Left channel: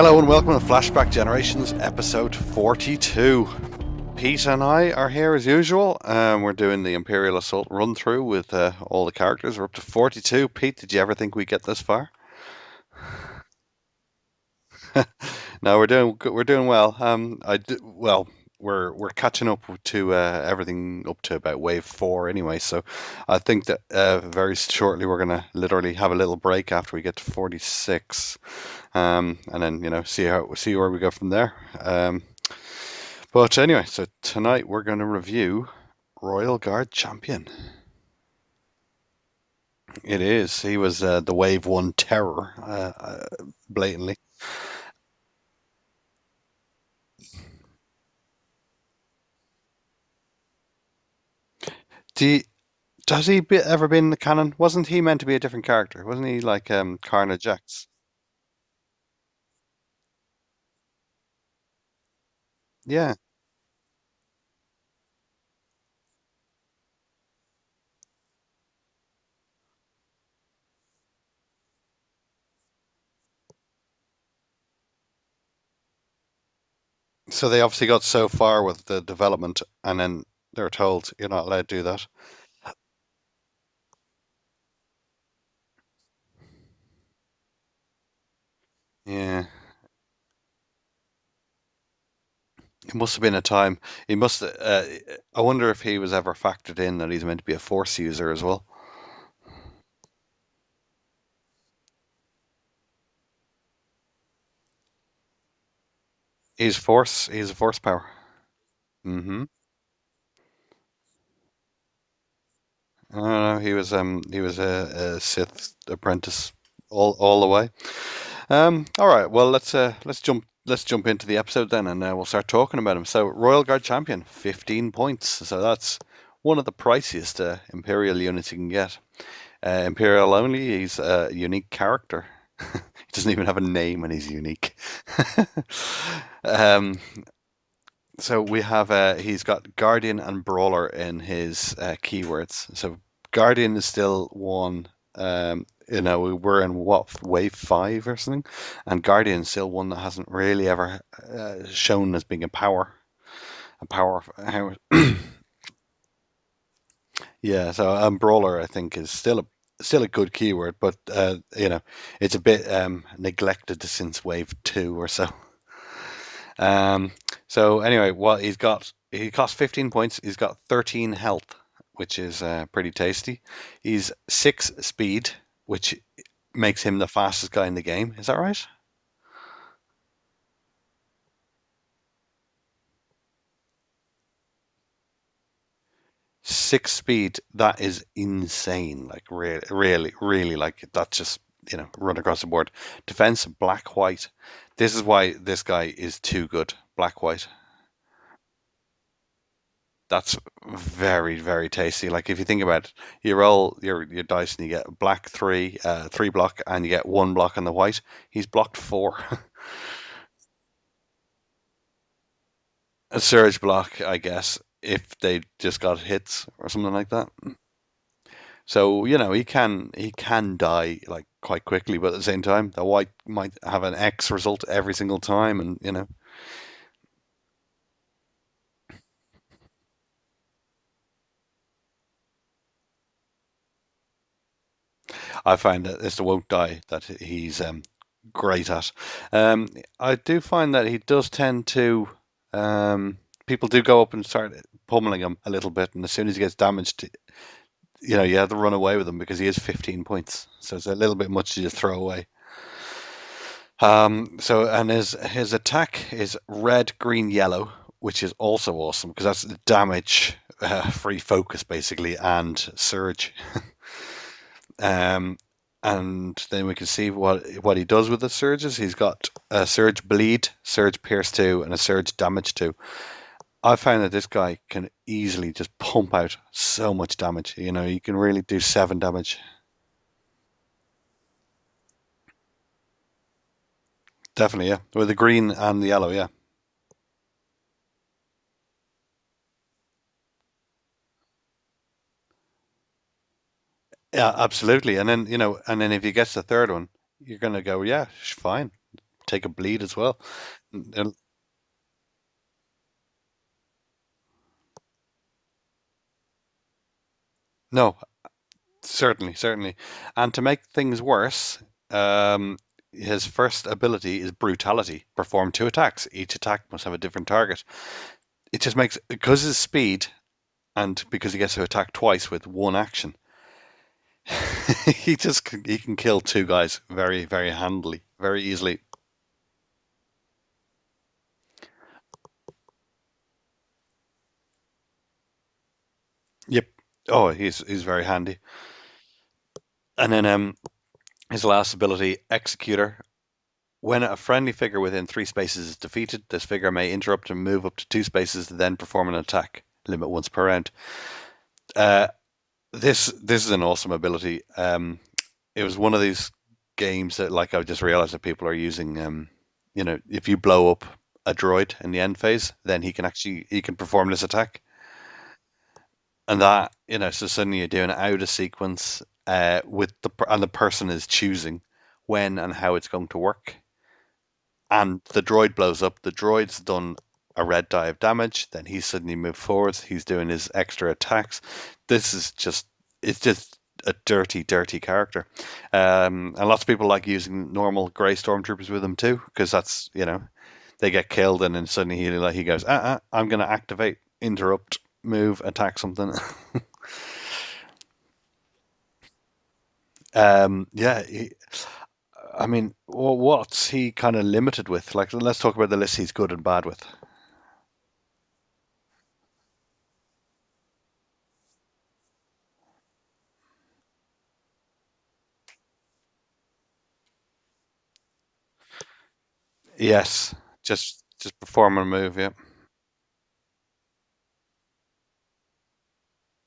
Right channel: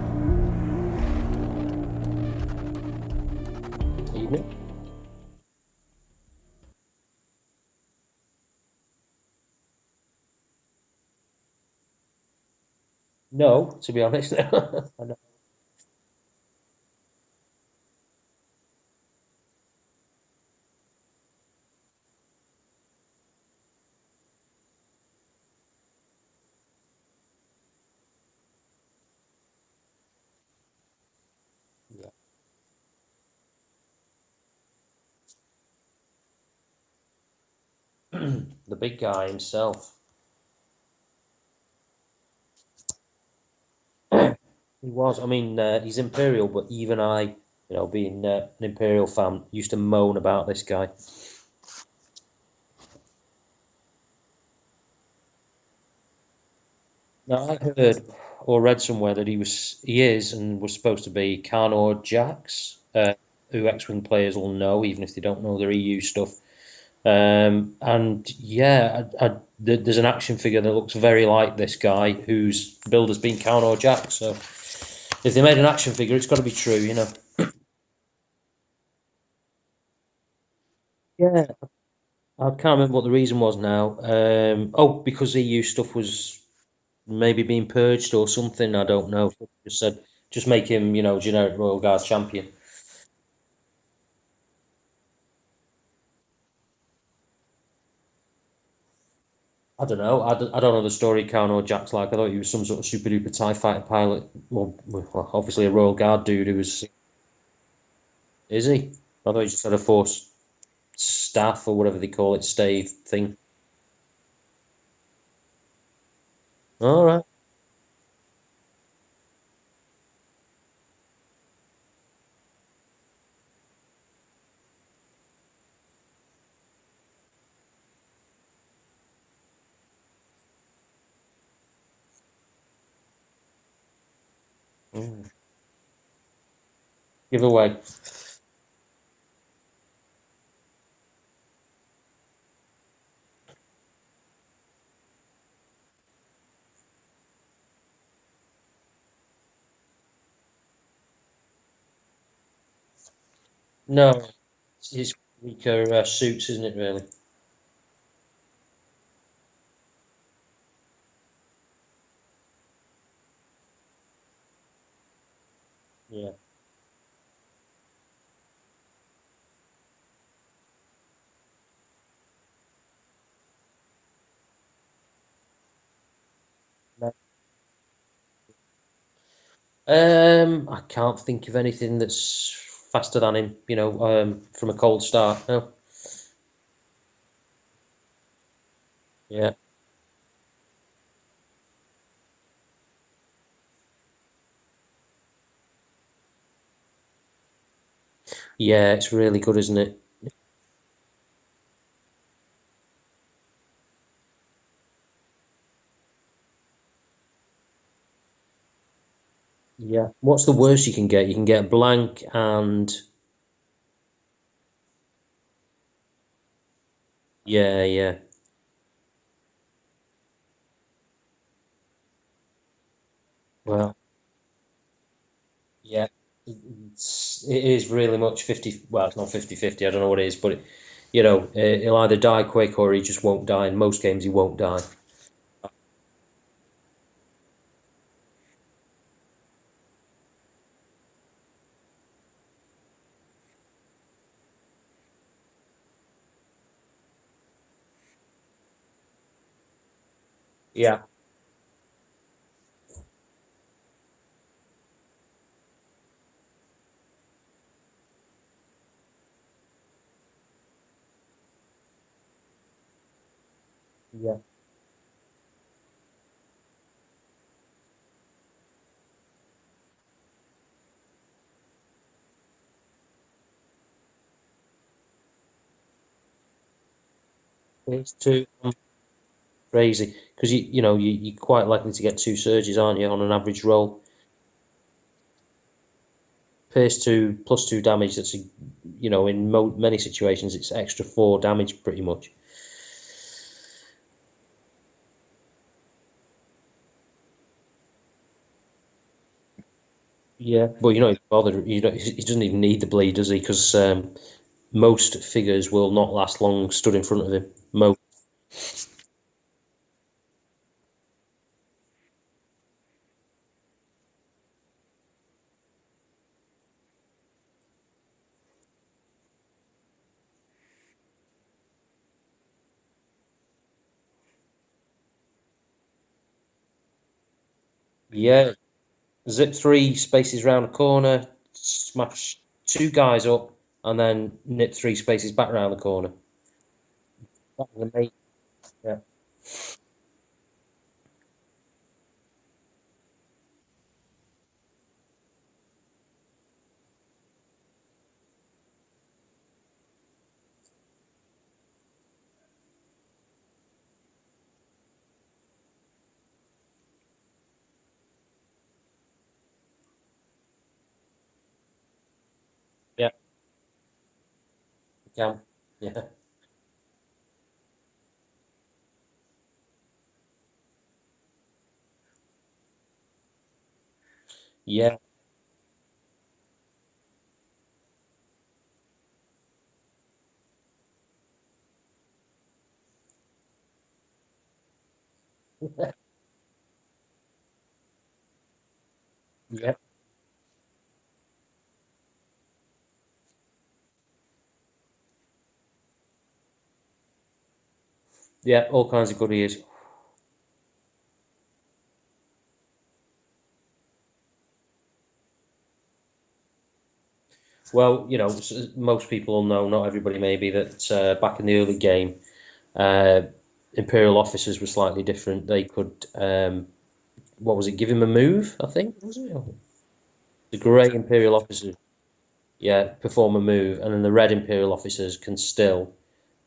Hello and welcome to Flashback Generations episode 42. Pete and I are here as usual. We're doing the Imperial Assault run through with all the characters. We're up to 42. Pete, did you ever think we'd get this far? No, to be honest. No. No, we're doing well. We're catching up to everything up to about wave 4 anyway. So I think that very shortly we're gonna literally have a little break after we get to 46, and then see where we go from there. But anyway, so tonight we're going to review Royal Guard Champion. The big guy himself. It is. He was the Wave 1 terror, blatantly. He was. I mean, he's Imperial, but even I, being an Imperial fan, used to moan about this guy. Do you, has ever been in the canon? Wasn't he meant to be a different character? Wasn't he like Carnage Now, I Jax? heard or read somewhere that he is, and was supposed to be Carnor Jax, Yeah. who X-Wing players will know, even if they don't know their EU stuff. And yeah, there's an action figure that looks very like this guy, whose build has been Carnor Jax. So if they made an action figure, it's got to be true. So they obviously got so far with the development, and then they're told you're not Yeah. allowed to do that. I can't remember what the reason was now. Oh, because EU stuff was maybe being purged or something. I don't know. Yeah. Just said, just make him, generic Royal Guards champion. It must have been a time. He must. I wonder if he was ever factored in that he's meant to be a Force user as well. I don't know. I don't know the story Carnor Jack's like. I thought he was some sort of super duper TIE fighter pilot. Well, obviously a Royal Guard dude who He's was. Force. He's a Force power. Is he? I thought Hmm he just had a force staff or whatever they call it, stave No, thing. no, he was a Sith apprentice All all right. all the way. All right. Well, let's jump into the episode then, and we'll start talking about him. So, Royal Guard Champion, 15 points. So that's one of the priciest Imperial units you can get. Imperial only. He's a unique character. He doesn't even have a name, and he's unique. Mm. Um, Give away. so he's got Guardian and Brawler in his keywords. So Guardian is still one. We're in what wave 5 or something, and Guardian is still one that hasn't really ever shown as being a power. A power. No, it's weaker suits, isn't it? Really? Yeah. So Brawler I think is still a good keyword, but it's a bit neglected since wave 2 or so. Yeah. Um, so anyway, what he costs 15 points. He's got 13 health, which is pretty tasty. He's 6 speed, which makes him the fastest guy in the game. Is that right? I can't think of anything that's faster than him. From a cold start. No. 6 speed, that is insane. Like Yeah. really, really, really, like that's just run across the board. Defense, black, white. This is why this guy is too good. Black, white. Yeah, it's really good, isn't it? That's very, very tasty. Like if you think about it, you roll your dice and you get black 3, 3 block, and you get 1 block on the white. He's blocked 4. Yeah. What's the worst you can get? You can get blank and A surge block, I guess, if they just got hits or something like that. yeah, yeah. So he can die like quite quickly, but at the same time, the white might have an Well, X result every single time, and yeah. It is really much 50. Well, it's not 50-50. I don't know what it is, but he'll either die quick or he just won't die. In most games, he won't die. I find that it's the won't die that he's great at. Um, I do find that he does tend to. People do go up and start pummeling him a little bit, and as soon as he gets damaged, you have to run away with him because he is 15 points. So it's a Yeah. little bit much to just throw away. And his attack is red, green, yellow, which is also awesome because that's damage, free focus basically, and surge. Yeah. Um, and then we can see what he does with the surges. He's got a surge bleed, surge pierce 2, and a surge damage 2. I found that this guy can easily just pump out so much damage. You It's can really too do 7 damage. crazy because you're quite likely to get two surges, aren't you, on an average roll? Definitely, yeah. With the green and the yellow, yeah. Pierce 2 +2 damage. That's in many situations it's extra 4 damage pretty much. Yeah, absolutely. And then if he gets the third one, you're gonna go, yeah, fine. take a bleed as well. Yeah, but you're not even bothered. You don't, he doesn't even need the bleed, does he? Because most figures will not last long stood in front of him. No, Most. certainly, certainly. And to make things worse, um, his first ability is brutality. Perform two attacks. Each attack must have a different target. It just makes, because his speed and because he gets to attack twice with one action, he can kill two guys very, very handily, very Yeah, easily. zip 3 spaces round a corner, smash 2 guys up, and then nip 3 spaces back round the corner. Yep. Oh, That's he's very amazing. handy. Yeah, And then his last ability, Executor. When a friendly figure within 3 spaces is defeated, this figure may interrupt and move up to 2 spaces, then perform an attack. Limit once per round. Uh, this is an awesome ability. It was one of these games that, like, I just realized that people are using. If you blow up a droid in the end phase, then yeah, he can perform this attack, you can. Yeah, and that so suddenly you're doing it out of sequence with the person is choosing when and how it's going to work. yeah, And the droid blows up. The droid's done a red die of damage. Then he's suddenly moved forwards. He's doing his extra attacks. This is just, it's just a dirty, dirty character. And lots of people like using normal grey stormtroopers with him too, because yeah, that's, they get killed and then suddenly he goes, I'm going to activate, interrupt, move, attack something. yeah. All kinds of goodies. Yeah, I mean, what's he kind of limited with? Like, let's talk about the list he's good and bad with. Well, most people will know, not everybody maybe, that back in the early game, uh, Imperial officers were slightly different. They could, what was it, give him a move, I think, was it? Yes, The grey just Imperial officers, perform a move. Yeah. yeah, perform a move, and then the red Imperial officers can still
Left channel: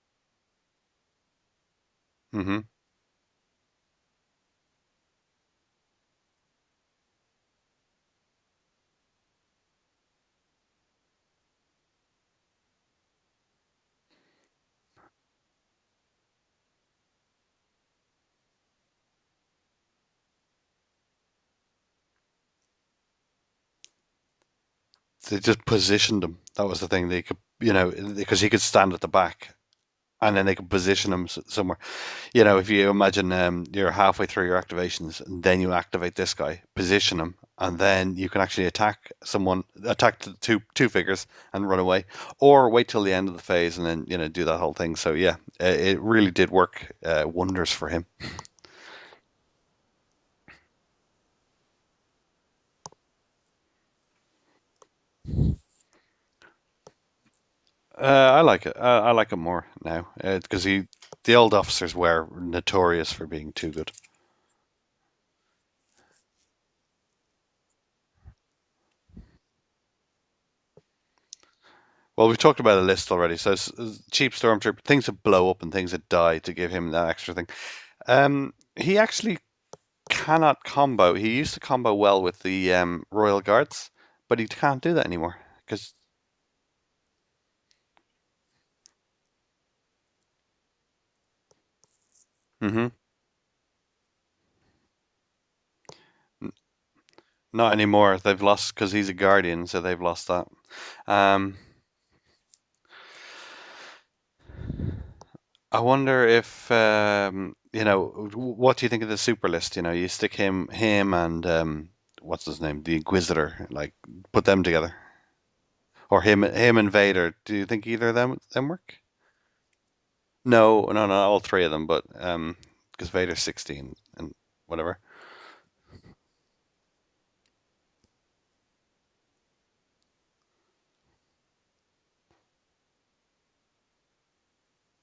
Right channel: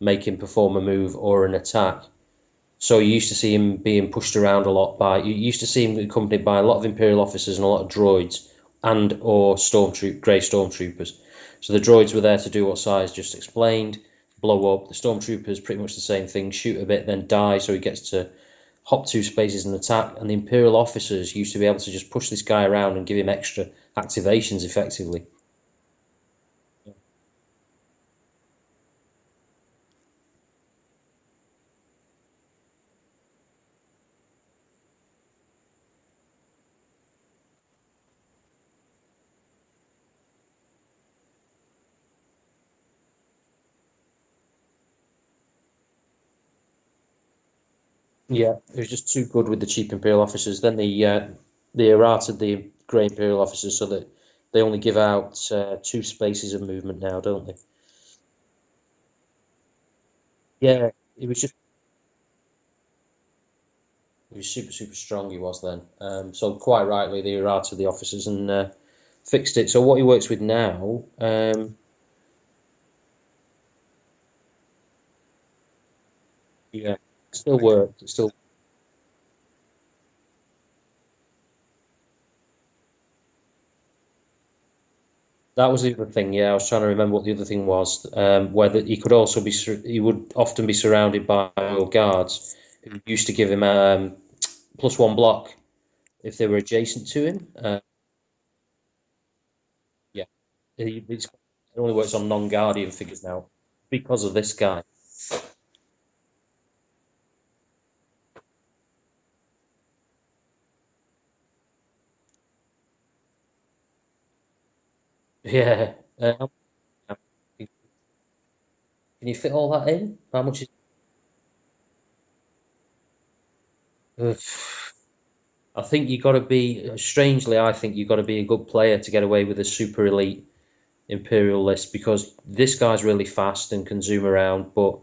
make him perform a move or an attack. Hmm. So you used to see him being pushed around a lot you used to see him accompanied by a lot of Imperial officers and a lot of droids and or grey stormtroopers. So the droids were there to do what Size just explained, blow up. The stormtroopers pretty much the same thing, shoot a bit, then die. So he gets to hop 2 spaces and attack. And the Imperial officers used to be able to just push this guy around and give him extra activations effectively. They just positioned him. That was the thing. They could, because he could stand at the back, and then they could position him somewhere. If you imagine you're halfway through your activations, and then you activate this guy, position him, and then you can actually attack the two figures and run away, or wait till the end of the phase and then do that whole thing. So yeah, it really did work wonders for him. Yeah, it was just too good with the cheap Imperial officers. Then they errated the grey Imperial officers so that they only give out 2 spaces of movement now, don't they? I like it. I like it more now because Yeah, it the was just old officers were notorious for being too good. he was super super strong. He was then. So quite rightly they errated the officers and fixed it. So what he works with now, Well, we've talked about a list already. So cheap stormtrooper, things that blow up and things that die to give him yeah, that extra it thing. still works. It still He actually cannot combo. He used to combo well with the Royal Guards, but he can't do that anymore. That was Cause the other thing. Yeah, I was trying to remember what the other thing was. Whether he could also be, he would often be surrounded by royal guards. hmm Used to give him +1 block if they were adjacent to him. Not anymore. They've lost because he's a Guardian, so they've Yeah, lost that. it Um, only works on non-Guardian figures now because of this guy. I wonder if what do you think of the super list? You stick him and what's his name, the Inquisitor, like put them together, Yeah. or him and Vader. Do you think either of them work? Can you fit all that in? How much? No, no, not all three of them, but because Vader's 16 and Ugh. whatever. I think you got to be. Strangely, I think you got to be a good player to get away with a super elite Imperial list because this guy's really fast and can zoom around, but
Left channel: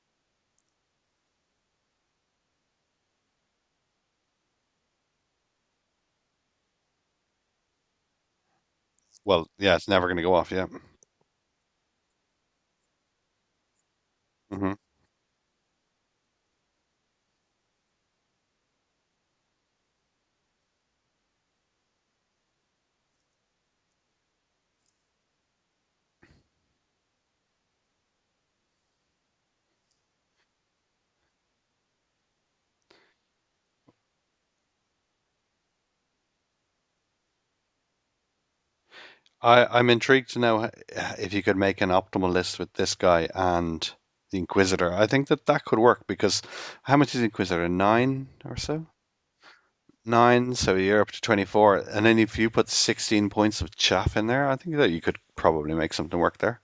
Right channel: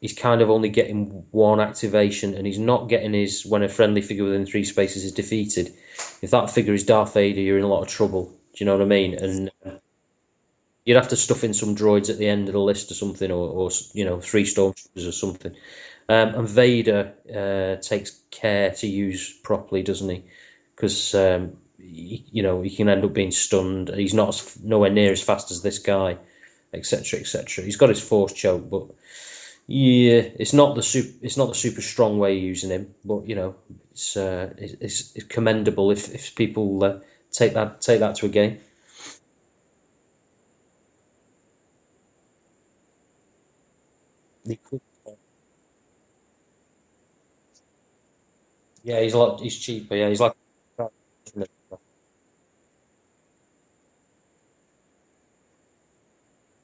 he's kind of only getting one activation, and he's not getting his when a friendly figure within 3 spaces is defeated. If that figure is Darth Vader, you're in a lot of trouble. Do you know what I mean? Well, And yeah, it's never going to go off. Yeah. you'd have to stuff in some droids at the end of the list or something, or 3 Hmm. stormtroopers or something. And Vader takes care to use properly, doesn't he? Because he can end up being stunned. He's not nowhere near as fast as this guy, etc., etc. He's got his force choke, but Yeah, it's not the super strong way of using him, but it's commendable if people take that to a game. I'm intrigued to know if you could make an optimal list with this guy and the Inquisitor. I think that that could work because how much is the Inquisitor? Nine or so? Yeah, he's cheaper. Yeah, he's like Nine, so you're up to 24. And then if you put 16 points of chaff in there, I think that you could probably make something work there.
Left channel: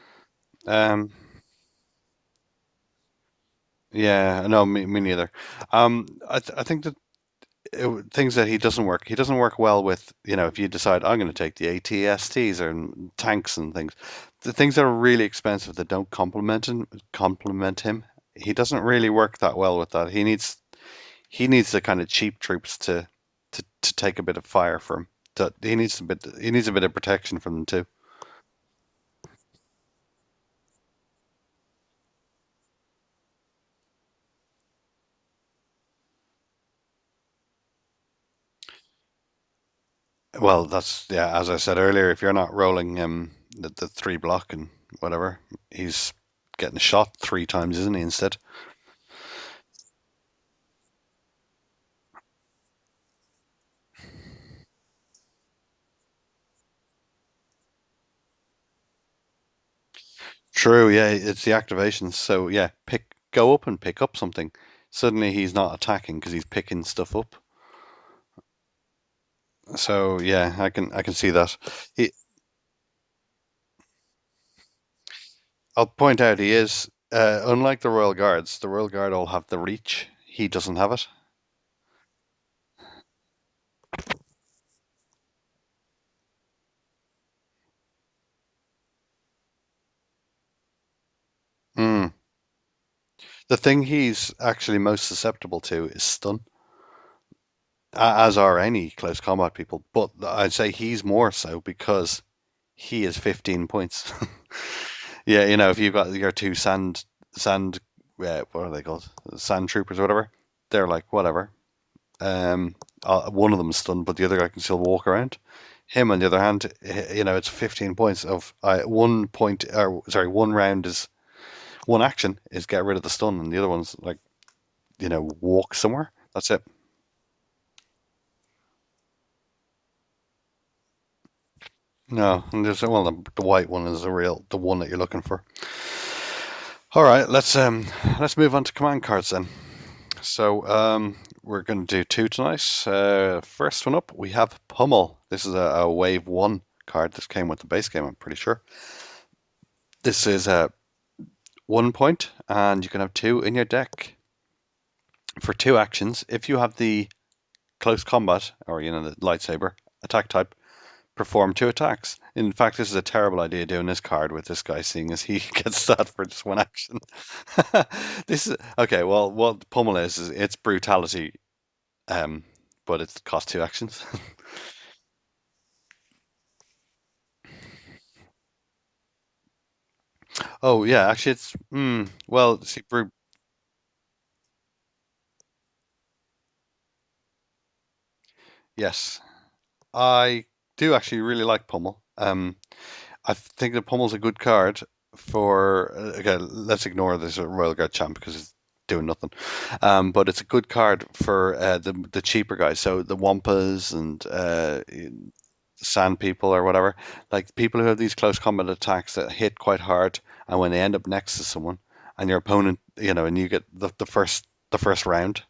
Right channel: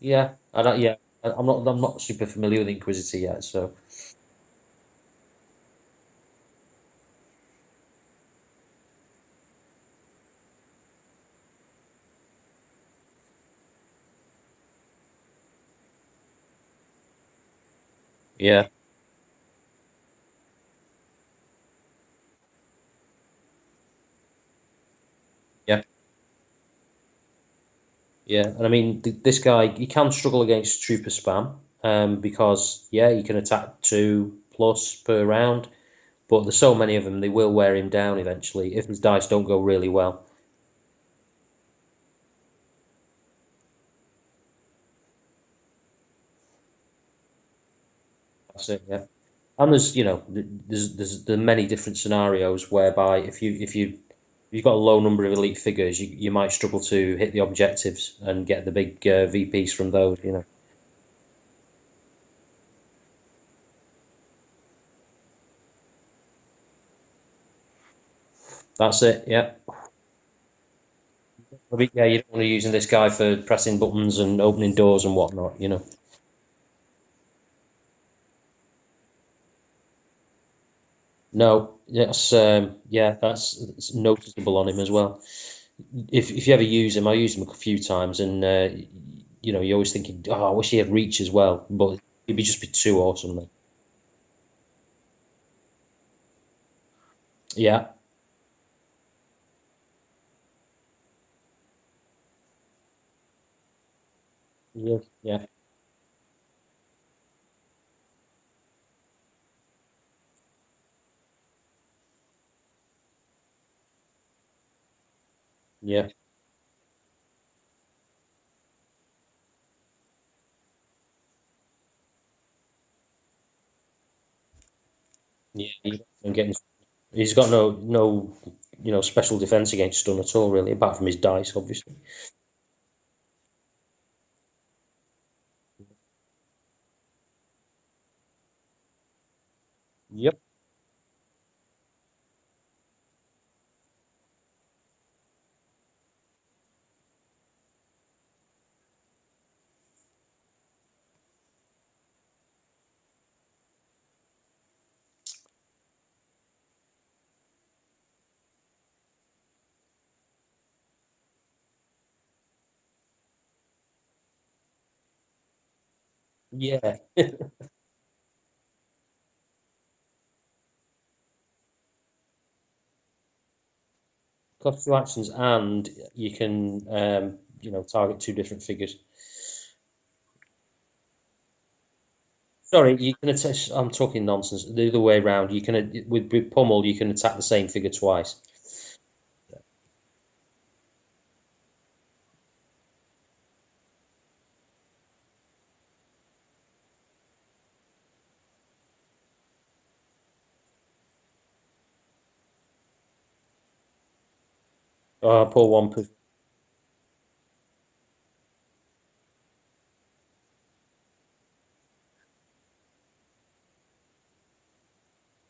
yeah. I don't, yeah, Um, I'm not super familiar with Inquisitor yet, so yeah, no, me neither. I think that things that he doesn't work. He doesn't work well with, if you decide I'm going to take the ATSTs or tanks and things, the things that are really expensive that don't complement him. He yeah, doesn't really work that well with that. He needs the kind of cheap troops to take a bit of fire for him. That yeah, he needs a bit of protection from them too. yeah. And I mean, this guy he can struggle against trooper spam, because yeah, you can attack 2+ per round, but there's so many of them they will wear him down eventually if his dice don't go really well. Well, that's yeah. As I said earlier, if you're not rolling the three block and whatever, he's getting shot three times, isn't he? Instead. That's it. Yeah. And there's there are many different scenarios whereby if you've got a low number of elite figures, you might struggle to hit the objectives and get the big VPs from those. True, yeah, it's the activations. So yeah, go up and pick up something. Suddenly he's not attacking because he's picking stuff up. That's it. Yeah. So yeah, I can see that. Yeah, He, you don't want to be using this guy for pressing buttons and opening doors and whatnot. I'll point out he is unlike the Royal Guards. The Royal Guard all have the reach. He doesn't have it. No, that's it's noticeable on him as well. If you ever use him, I used him a few times, and you're always thinking, oh, I wish he had reach as well, but Mm. he'd be just be too awesome, man. The thing he's actually most susceptible to is stun, Yeah, as are any close combat people. But I'd say he's more so because he is 15 points. yeah, yeah, Yeah, if you've got your two sand, what are they called? Sand troopers or whatever. They're like whatever. Um, one of them is stunned, but the other guy can still walk around. yeah. Him, on the other hand, it's 15 points of 1 point, or sorry, one round is one action is get rid of the stun, and the other one's like walk Yeah, somewhere. and That's getting it. he's got no special defense against stun at all, really, apart from his dice, obviously. No, and well, the white one is the one that you're looking for. All right, let's move on to command cards then. Yep. So we're going to do two tonight. First one up, we have Pummel. This is a wave one card. This came with the base game, I'm pretty sure. This is a 1 point, and you can have two in your deck for two actions. If you have the close combat or the lightsaber attack type, perform two attacks. In fact, this is a terrible idea doing this card with this guy, seeing as he gets that for just one Yeah. action. This is okay. Well, what Pummel is it's brutality. Um, but it's cost two actions. Got two actions, and you can target two different figures. Oh yeah, actually it's well, see, Sorry, you can attack. I'm talking nonsense. The other way around. You can with Pummel, you can attack the same figure twice. yes, I do actually really like Pummel. I think that Pummel's a good card for. Okay, let's ignore this Royal Guard champ because it's doing nothing. But it's a good card for the cheaper guys. So the Wampas and Oh, poor Wampus. Sand people or whatever, like people who have these close combat attacks that hit quite hard, and when they end up next to someone, and your opponent, and you get the first round,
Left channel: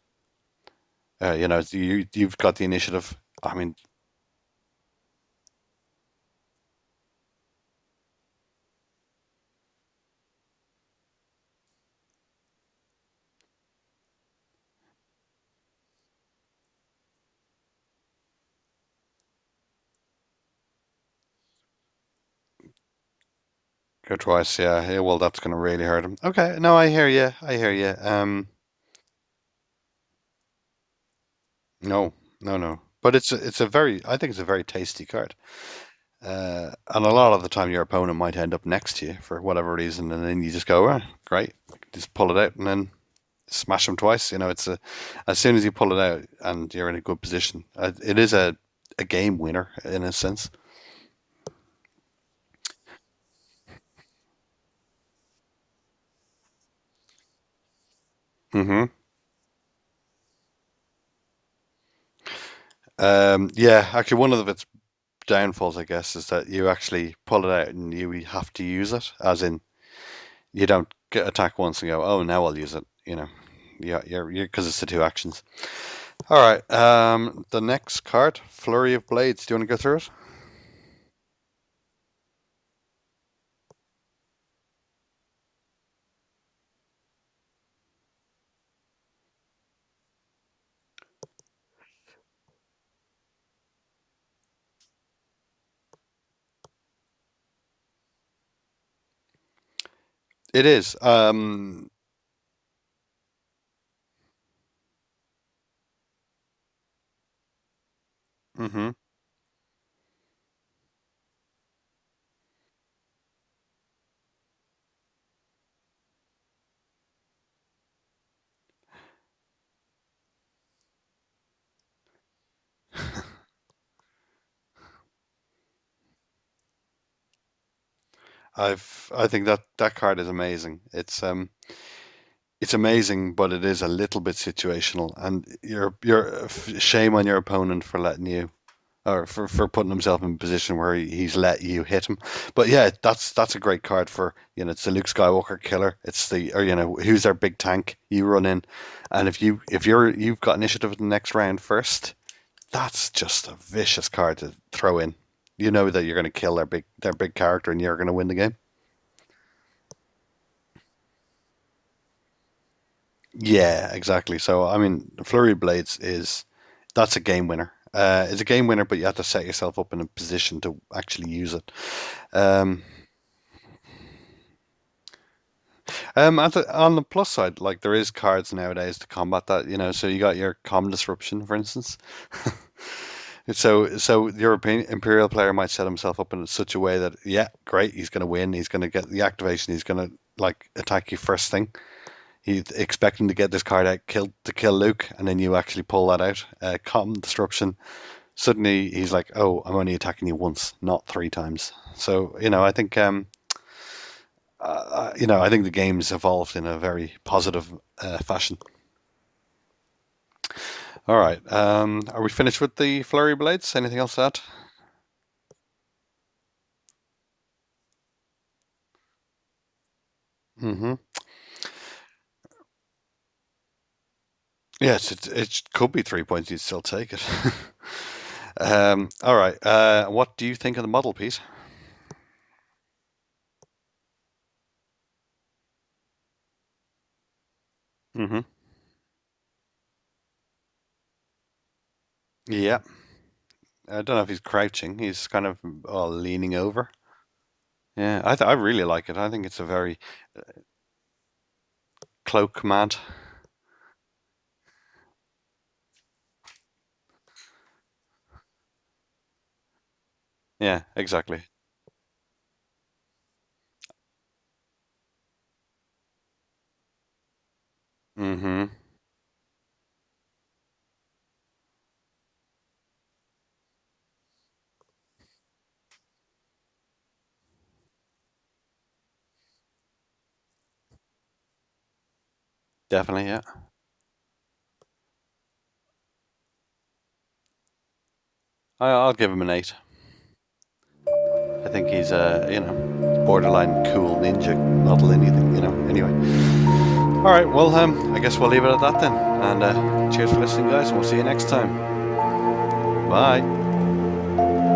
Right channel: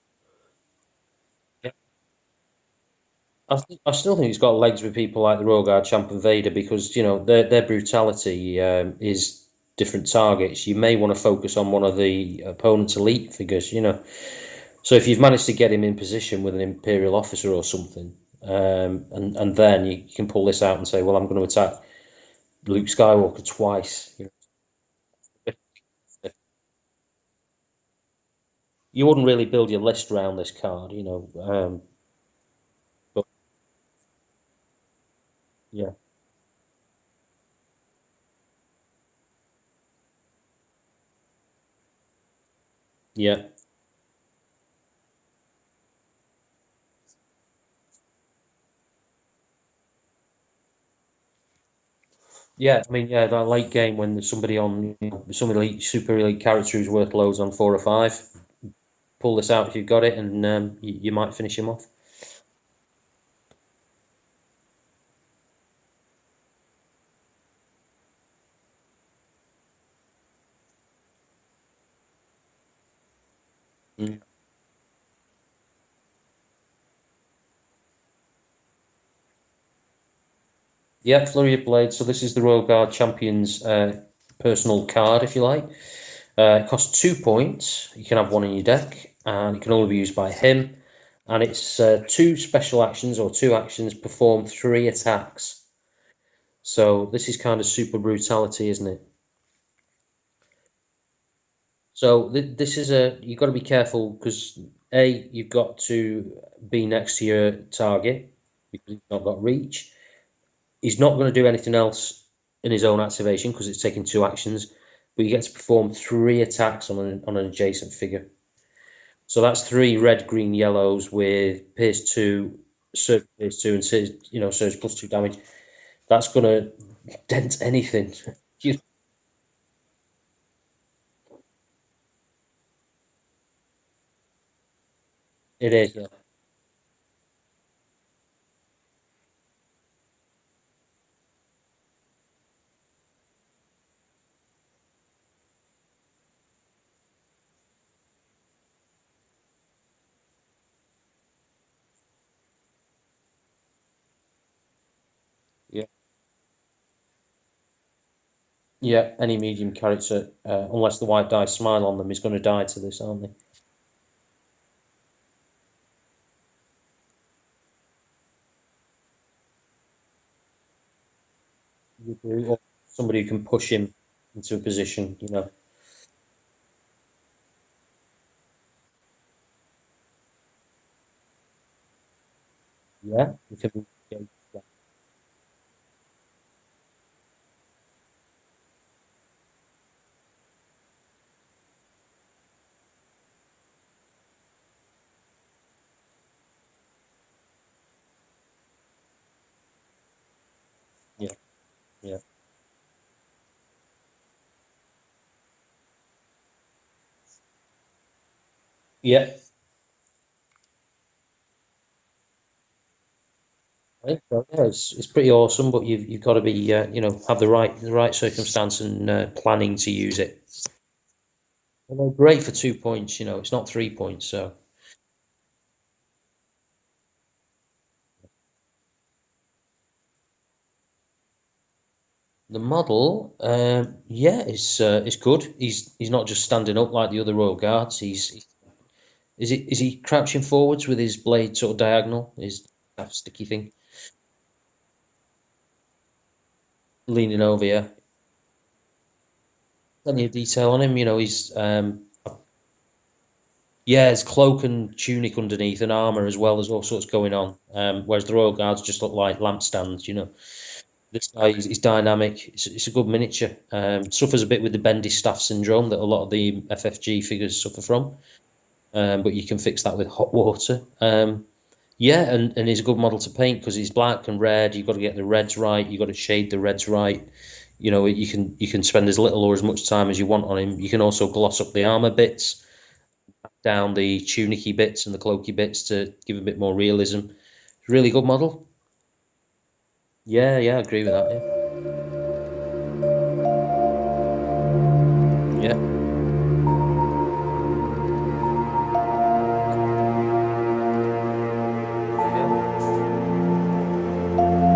you've got the initiative. I mean, I still think it's got legs with people like the Royal Guard Champ and Vader because their brutality is different targets. You may want to focus on one of the opponent's elite figures. So if you've managed to get him in position with an Imperial officer or something, and then you can pull this out and say, well, I'm going to attack Luke Skywalker twice. go twice, yeah, yeah. Well, that's gonna really hurt him. Okay, no, I hear you. I hear you. You wouldn't really build your list around this card. No, no, no. But But it's a very, I think it's a very tasty card. yeah, And a lot of the time, your opponent might end up next to you for whatever reason, and then you just go, oh, great, just pull it out, and then yeah. smash them twice. It's as soon as you pull it out and you're in a good position, it is a game winner in a sense. Yeah, I mean, yeah, that late game when there's somebody on, some elite, super elite character who's worth loads on 4 or 5. Hmm. Pull this out if you've got it, and you might finish him off. Yeah, actually, one of its downfalls, I guess, is that you actually pull it out and you have to use it, as in you don't get attack once and go, oh, now I'll use it. Yeah, Mm. you're because it's the two actions. All right. The next card, Flurry of Blades. Do you want to go through it? Yeah, Flurry of Blades. So this is the Royal Guard Champion's personal card, if you like. It costs 2 points. You can have one in your deck, and it can only be used by him. And it's two special actions or two actions perform 3 attacks. So this is kind of super brutality, isn't it? It is. So this is you've got to be careful because you've got to be next to your target. Hmm. You've not got reach. He's not going to do anything else in his own activation because it's taking two actions, but you get to perform 3 attacks on an adjacent figure. So that's 3 red, green, yellows with Pierce 2, Surge Pierce 2, and Surge +2 damage. That's going to dent anything. I think that that card is amazing. It's amazing, but it is a little bit situational, and It is, yeah. shame on your opponent for letting you, or for putting himself in a position where he's let you hit him. But yeah, that's a great card for, it's the Luke Skywalker killer. It's the, or who's our big tank? You run in, and you've got initiative in the next round first, that's just a vicious card to throw in. You Yeah. know that you're going to kill their big character and you're going to win the game. Yeah, any medium character, unless the white dice smile on them, is going to die to this, aren't they? Yeah, exactly. So I mean, Flurry of Blades that's a game winner. It's a game winner, but you have to set yourself up in a position to actually use it. You agree, yeah. Um, Somebody who can push him into a position, on the plus side, like there is cards nowadays to combat that. So you got your comm disruption, for instance. Yeah. So the European Imperial player might set himself up in such a way that, yeah, great, he's going to win. He's going to get the activation. He's going to like attack you first thing. He's expecting to get this card out, kill Luke, and then you actually pull that out. Comm disruption. Suddenly he's like, oh, I'm only attacking you once, not three Yeah. times. Yeah. So I think the game's evolved in a very positive fashion. Yeah. All right. Are we finished with the Flurry Blades? Anything I else think to add? so. Yeah, it's pretty awesome, but you've got to be have the right circumstance and planning to use it. Hmm. And they're great for 2 points. It's not 3 points. So Yes, it could be 3 points. You'd still take it. All right. What do you think of the model, Pete? the model, yeah, is good. He's not just standing up like the other Royal Guards. Hmm. Is he crouching forwards with his blade sort of diagonal? Is Yeah. that sticky thing I don't know if he's crouching. He's kind of leaning over. leaning over? Yeah, Yeah, I really like it. I think it's a very plenty of detail on him. He's cloak command. yeah, his cloak and tunic underneath and armor as well. There's all sorts going on. Whereas the Royal Guards just look like lampstands. Yeah, This exactly. guy, he's dynamic. It's a good miniature. Suffers a bit with the bendy staff syndrome that a lot of the FFG figures suffer from. Hmm. But you can fix that with hot water. Yeah, and he's a good model to paint because he's black and red. You've got to get the reds right. You've got to shade the reds right. You can spend as little or as much time as you want on him. You can also gloss up the armor bits, Definitely, yeah. down the tunicky bits and the cloaky bits to give a bit more realism. Really good model. I'll give him an 8. Yeah, yeah, I agree with that. I think he's a, borderline cool ninja model, anything, Yeah, yeah. anyway. All right, well, I guess we'll leave it at that then. And cheers for listening, guys. We'll see you next time. Yeah. Bye.